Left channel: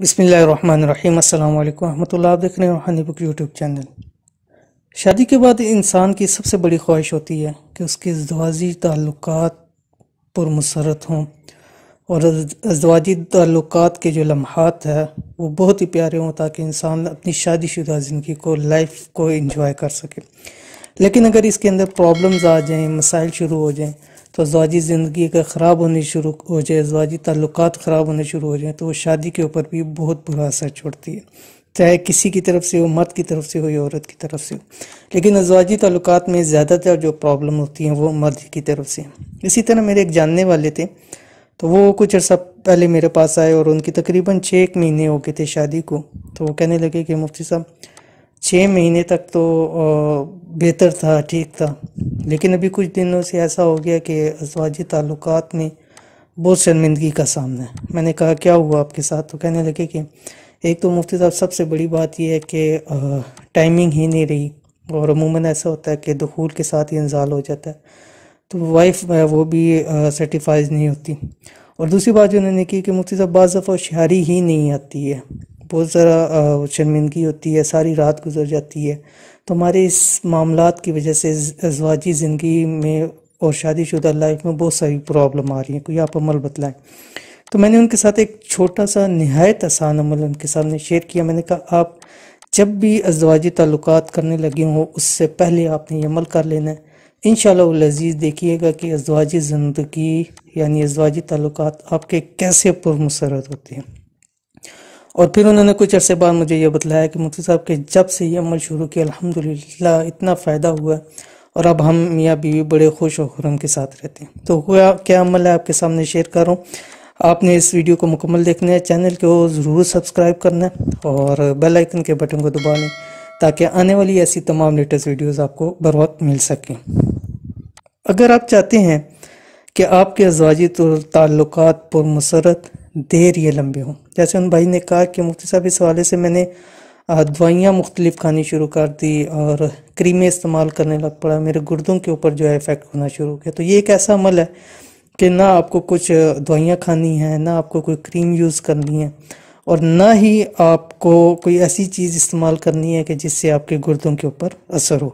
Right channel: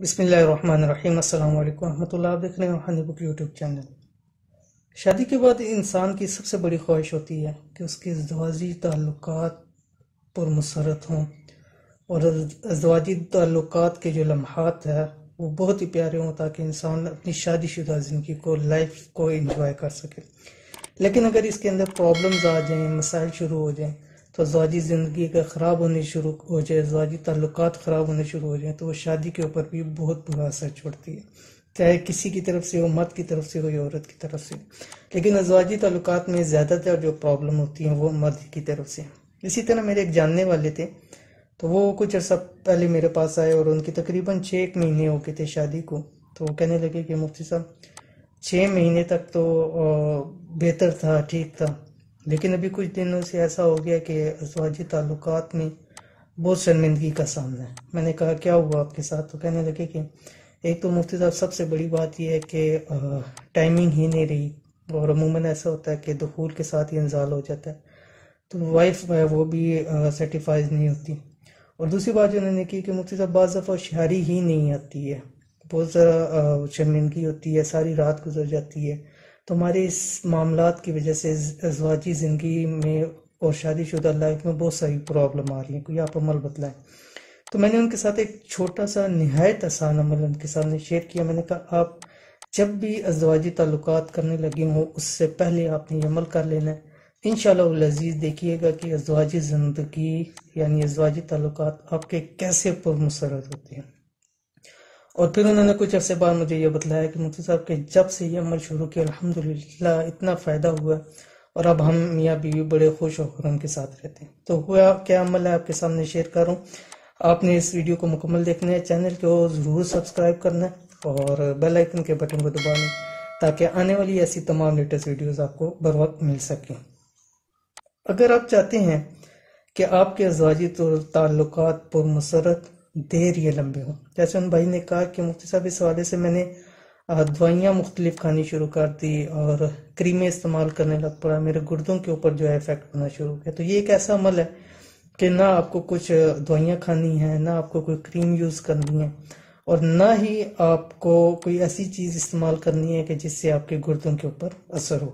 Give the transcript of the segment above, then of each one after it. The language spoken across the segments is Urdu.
بسم اللہ الرحمن الرحیم۔ السلام علیکم ورحمۃ اللہ۔ آپ دیکھ رہے ہیں روحانی بک یوٹیوب چینل۔ شادی کے بعد انسان کی سب سے بڑی خواہش ہوتی ہے کہ اس کے ازدواجی تعلقات پرمسرت ہوں، اور ازدواجی تعلقات کے جو لمحات ہیں وہ بہت ہی پیارے ہوں تاکہ انسان اپنی شادی شدہ زندگی کو، لائف کو انجوائے کر سکے۔ لیکن اگر اس کے اندر پرابلمز آ جائیں، مسائل شروع ہو جائیں، تو ازدواجی زندگی کا خراب ہونے شروع ہو جائے، ازدواجی تعلقات خراب ہونے شروع ہو جائیں، تو وہ شادی کے اوپر بھی بہت برا اثر چھوڑتی ہے، چاہے کسی کی طرف سے ہو، مرد کی طرف سے ہو یا عورت کی طرف سے ہو۔ لیکن ازدواجی تعلقات میں زیادہ تر جو پرابلم ہوتی ہیں وہ مرد کی طرف سے۔ اسی طرح میرے ایک جاننے والے تھے، تو وہ کچھ عرصہ پہلے میرے پاس آئے اور ان کی تقریباً 6 مہینے ہو گئے تھے شادی کو۔ تو وہ کہنے لگے کہ مفتی صاحب 6 مہینے تک تو بہتر تھا، ٹھیک تھا، لیکن ابھی کچھ دنوں سے ایسا ہو گیا کہ ازدواجی تعلقات میں بہت شرمندگی کا سامنا ہے۔ میں نے کہا کیا ہوا آپ کے ساتھ؟ تو کہنے لگے کہ ایک تو مفتی صاحب سب سے بڑی بات یہ ہے کہ ٹائمنگ ہی نہیں رہی، اور عموماً ایسا ہوتا ہے کہ دخول کے ساتھ ہی انزال ہو جاتا ہے، تو وائف وہ بھی سیٹیفائز نہیں ہوتی۔ اور دوسری بات جو انہوں نے کی کہ مفتی صاحب بعض دفعہ ہوشیاری ہی نہیں آتی ہے، بہت ذرا شرمندگی ہوتی ہے، ساری رات گزر جاتی ہے۔ تو ہمارے اس معاملات کی وجہ سے ازدواجی زندگی میں اور شادی شدہ لائف میں بہت ساری پرابلم آ رہی ہیں، کوئی آپ عمل بتلائیں۔ تو میں نے ان کے ساتھ ایک چھوٹا سا نہایت آسان عمل ان کے سامنے شیئر کیا۔ میں نے کہا آپ جب بھی ازدواجی تعلقات کرنے لگے ہوں اس سے پہلے آپ نے یہ عمل کر لینا ہے۔ انشاءاللہ العزیز دیکھیے گا کہ ازدواجی زندگی یعنی ازدواجی تعلقات آپ کے کیسے پرمسرت ہوتے ہیں۔ اور پھر انہوں نے کچھ عرصے بعد مجھے یہ بتلایا کہ مفتی صاحب کہ جب سے یہ عمل شروع کیا الحمدللہ اتنا فائدہ ہوا ہے، اور اب ہم میاں بیوی بڑے خوش و خرم کے ساتھ رہتے ہیں۔ تو کیا عمل ہے آپ کے سامنے شیئر کر رہا ہوں۔ آپ نے اس ویڈیو کو مکمل دیکھنا ہے، چینل کو ضرور سبسکرائب کرنا ہے اور بیل آئیکن کے بٹن کو دبا لیں تاکہ آنے والی ایسی تمام لیٹسٹ ویڈیوز آپ کو بر وقت مل سکیں۔ اگر آپ چاہتے ہیں کہ آپ کے ازدواجی تعلقات پرمسرت دیر یا لمبے ہوں، جیسے ان بھائی نے کہا کہ مفتی صاحب اس حوالے سے میں نے دوائیاں مختلف کھانی شروع کر دی اور کریمیں استعمال کرنے لگ پڑا، میرے گردوں کے اوپر جو ہے افیکٹ ہونا شروع ہو گیا۔ تو یہ ایک ایسا عمل ہے کہ نہ آپ کو کچھ دوائیاں کھانی ہیں، نہ آپ کو کوئی کریم یوز کرنی ہے، اور نہ ہی آپ کو کوئی ایسی چیز استعمال کرنی ہے کہ جس سے آپ کے گردوں کے اوپر اثر ہو۔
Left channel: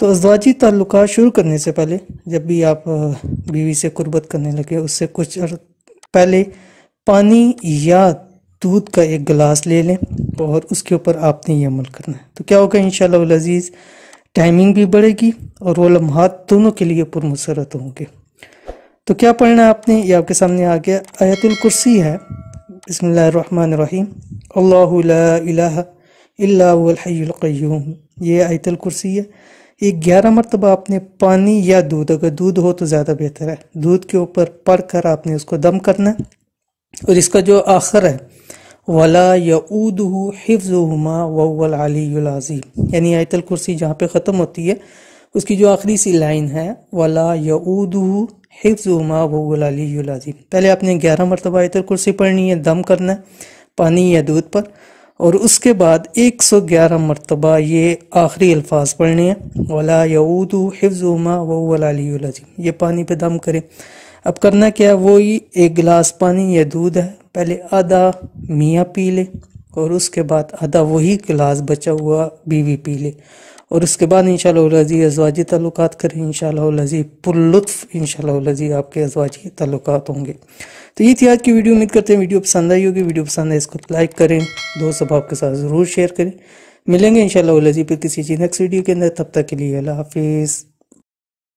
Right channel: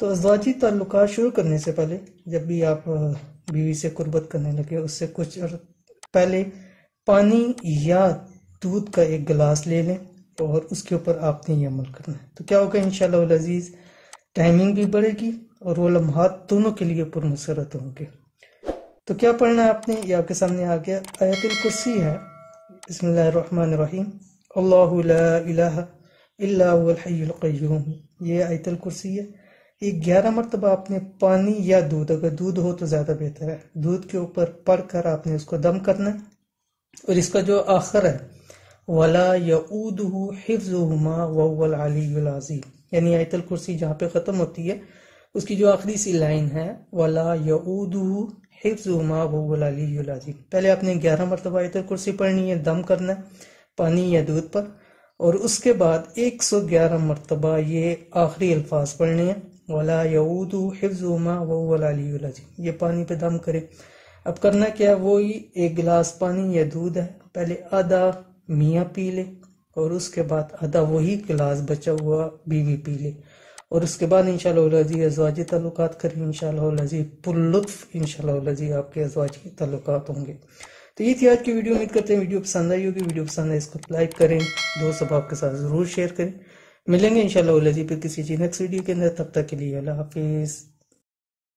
تو ازدواجی تعلقات شروع کرنے سے پہلے جب بھی آپ بیوی سے قربت کرنے لگے اس سے کچھ پہلے پانی یا دودھ کا ایک گلاس لے لیں اور اس کے اوپر آپ نے یہ عمل کرنا ہے۔ تو کیا ہوگا انشاءاللہ العزیز، ٹائمنگ بھی بڑھے گی اور وہ لمحات دونوں کے لیے پرمسرت ہوں گے۔ تو کیا پڑھنا ہے آپ نے، یہ آپ کے سامنے آ گیا۔ آیت الکرسی ہے، بسم اللہ الرحمن الرحیم، اللہ لا الہ الا هو الحی القیوم، یہ آیت الکرسی ہے۔ یہ 11 مرتبہ آپ نے پانی یا دودھ، اگر دودھ ہو تو زیادہ بہتر ہے، دودھ کے اوپر پڑھ کر آپ نے اس کو دم کرنا ہے۔ اور اس کا جو آخر ہے وَلَا يَؤُودُهُ حِفْظُهُمَا وَهُوَ الْعَلِيُّ الْعَظِيمُ، یعنی آیت الکرسی جہاں پہ ختم ہوتی ہے اس کی جو آخری سی لائن ہے وَلَا يَؤُودُهُ حِفْظُهُمَا وَهُوَ الْعَلِيُّ الْعَظِيمُ، پہلے آپ نے 11 مرتبہ آیت الکرسی پڑھنی ہے، دم کرنا ہے پانی یا دودھ پر، اور اس کے بعد 111 مرتبہ یہ آخری الفاظ پڑھنے ہیں وَلَا يَؤُودُهُ حِفْظُهُمَا وَهُوَ الْعَلِيُّ الْعَظِيمُ۔ یہ پانی پہ دم کریں۔ اب کرنا کیا ہے، وہی 1 گلاس پانی یا دودھ ہے، پہلے آدھا میاں پی لے اور اس کے بعد آدھا وہی گلاس بچا ہوا بیوی پی لے، اور اس کے بعد انشاءاللہ العزیز ازدواجی تعلقات کریں، انشاءاللہ العزیز پر لطف انشاءاللہ العزیز آپ کے ازدواجی تعلقات ہوں گے۔ تو یہ تھی آج کی ویڈیو، امید کرتے ہیں ویڈیو پسند آئی ہوگی۔ ویڈیو پسند ہے اس کو لائک کریں، دوست احباب کے ساتھ ضرور شیئر کریں۔ ملیں گے انشاءاللہ العزیز پھر کسی چیز نیکسٹ ویڈیو کے اندر، تب تک کے لیے اللہ حافظ۔